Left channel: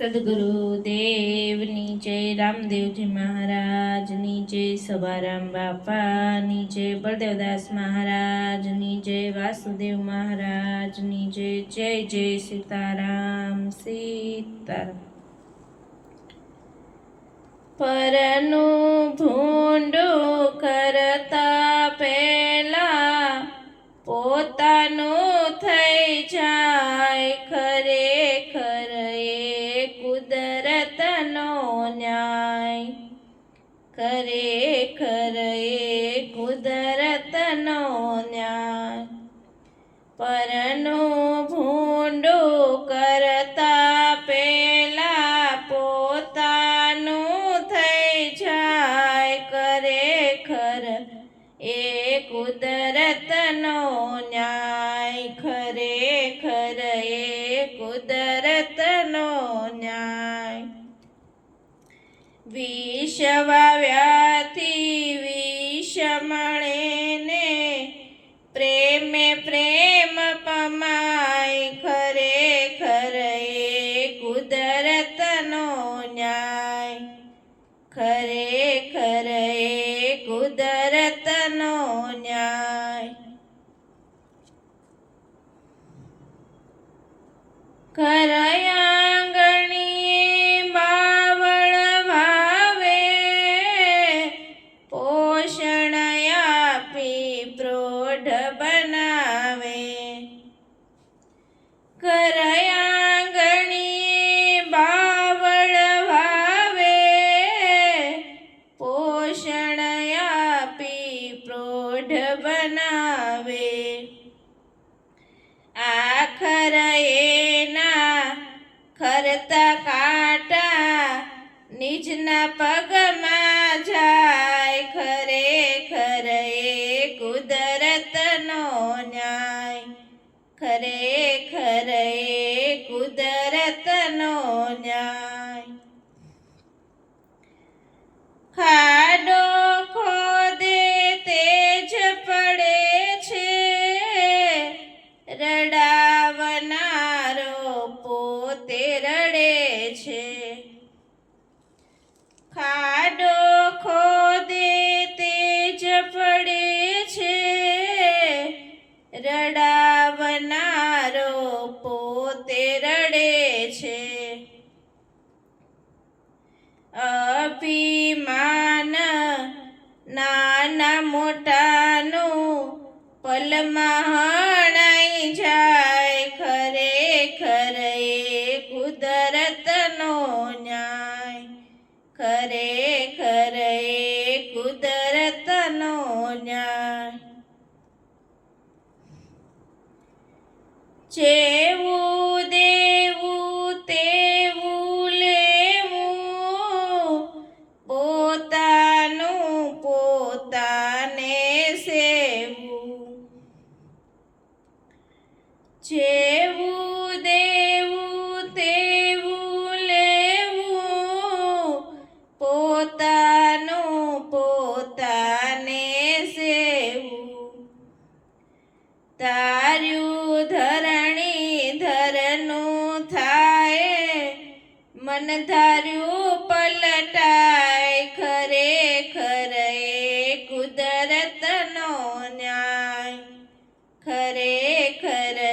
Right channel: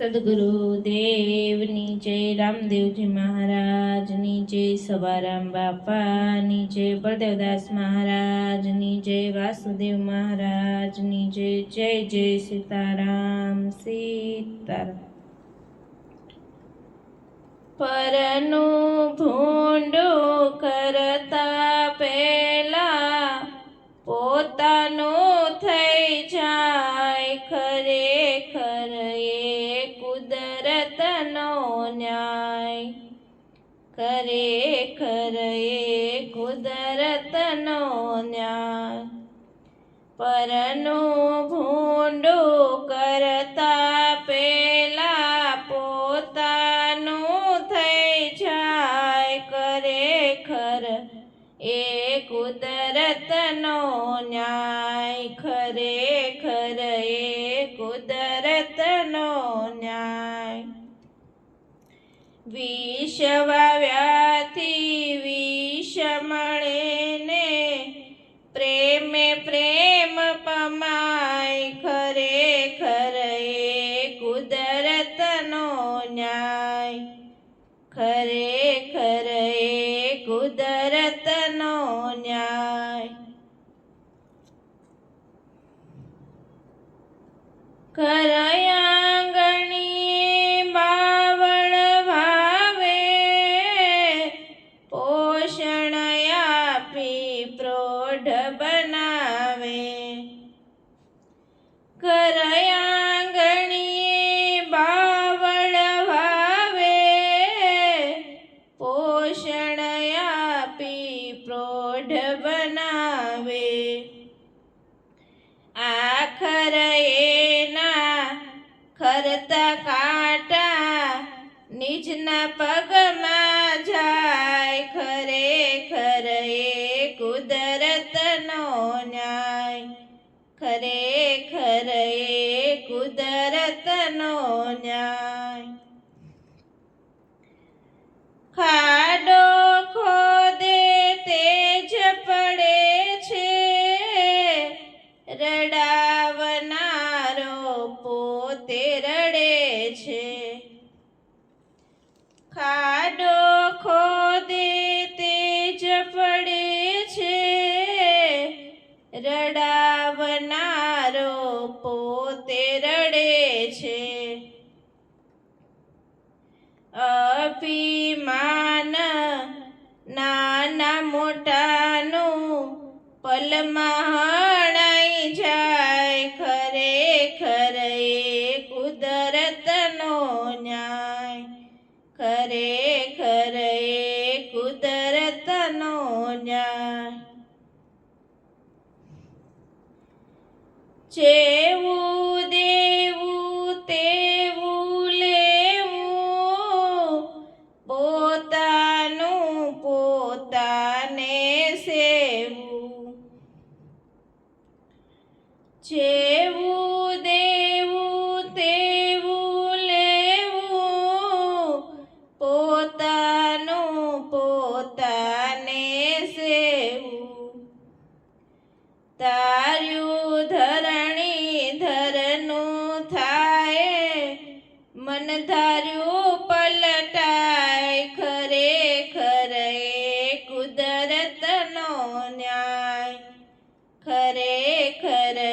સદગુરુદેવની જય, રામદેવજી મહારાજની જય, સભારામ બાપાની જય, બળદેવદાસ મહારાજની જય, વાસુદેવ મહારાજની જય. જય જય સીતારામ સીતારામ. પરનું ભૂંડું કરતા પહેલા પોતાનું થઈ જાય, ખરેખર એ કુદરતનો ન્યાય. ખરેખર એ કુદરતનો ન્યાય. પરનું ભૂંડું કરતા પહેલા પોતાનું થઈ જાય, ખરેખર એ કુદરતનો ન્યાય. ખરેખર એ કુદરતનો ન્યાય. વિષ વાવ્યાથી વિષ મળે ને પ્રેમે પ્રેમ પમાય. ખરેખર એ કુદરતનો ન્યાય. ખરેખર એ કુદરતનો ન્યાય. ઘર આંગણીએ બાવળ ભાવે, પોષણ આપી પ્રૌઢ બનાવે. ઘર આંગણીએ બાવળ ભાવે, પોષણ આપી પ્રૌઢ બનાવે. આખર એના ખરતા કાંટા નિજના પગમાં જાય. ખરેખર એ કુદરતનો ન્યાય. ખરેખર એ કુદરતનો ન્યાય. ખાડો ખોદે તેજ પડે છે, રડાવનારો પોતે રડે છે. ખાડો ખોદે તેજ પડે છે, રડાવનારો પોતે રડે છે. અભિમાન નાના મોટાનું પલમાં હણાઈ જાય. ખરેખર એ કુદરતનો ન્યાય. ખરેખર એ કુદરતનો ન્યાય. જેવું દેવું તેવું લેવું, પોતાનું પોતાને સેવું. જેવું દેવું તેવું લેવું, પોતાનું પોતાને સેવું. તાર્યું ધરણી ધરનું થાય, મન ધાર્યું પલટાય. ખરેખર એ કુદરતનો ન્યાય. ખરેખર એ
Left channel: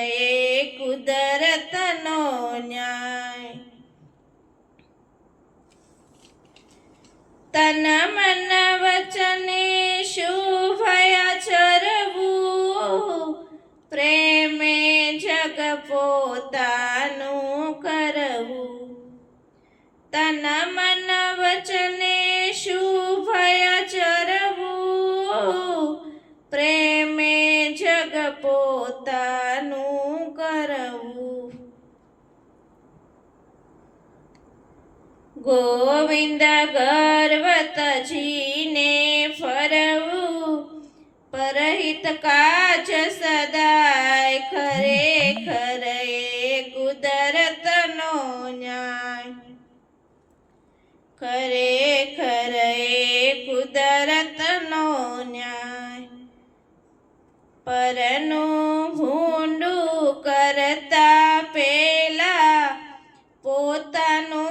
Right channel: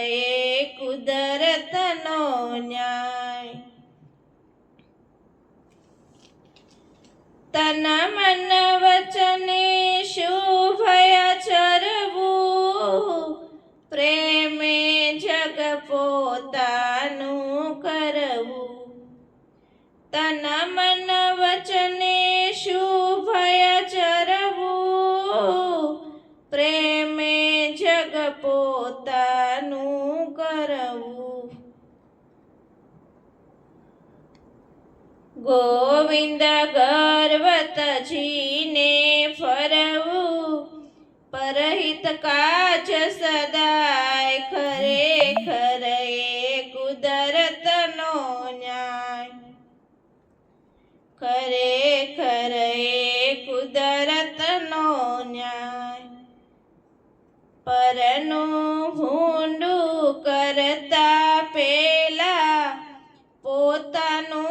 કુદરતનો ન્યાય. તન મન વચને શુભયાચરવું, પ્રેમે જગ પોતાનું કરવું. તન મન વચને શુભયાચરવું, પ્રેમે જગ પોતાનું કરવું. ગોવિંદ ગર્વતજીને ફરવું, પરહિત કાજ સદાય. ખરેખર એ કુદરતનો ન્યાય. ખરેખર એ કુદરતનો ન્યાય. પરનું ભૂંડું કરતા પહેલા પોતાનું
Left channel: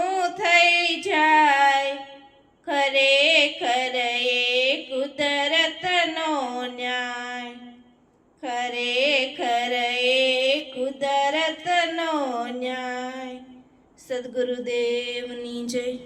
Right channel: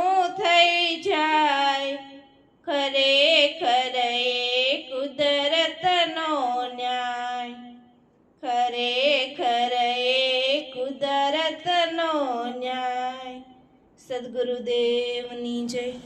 ન્યાય ખરેખર એ કુદરતનો ન્યાય. સદગુરુદેવની જય.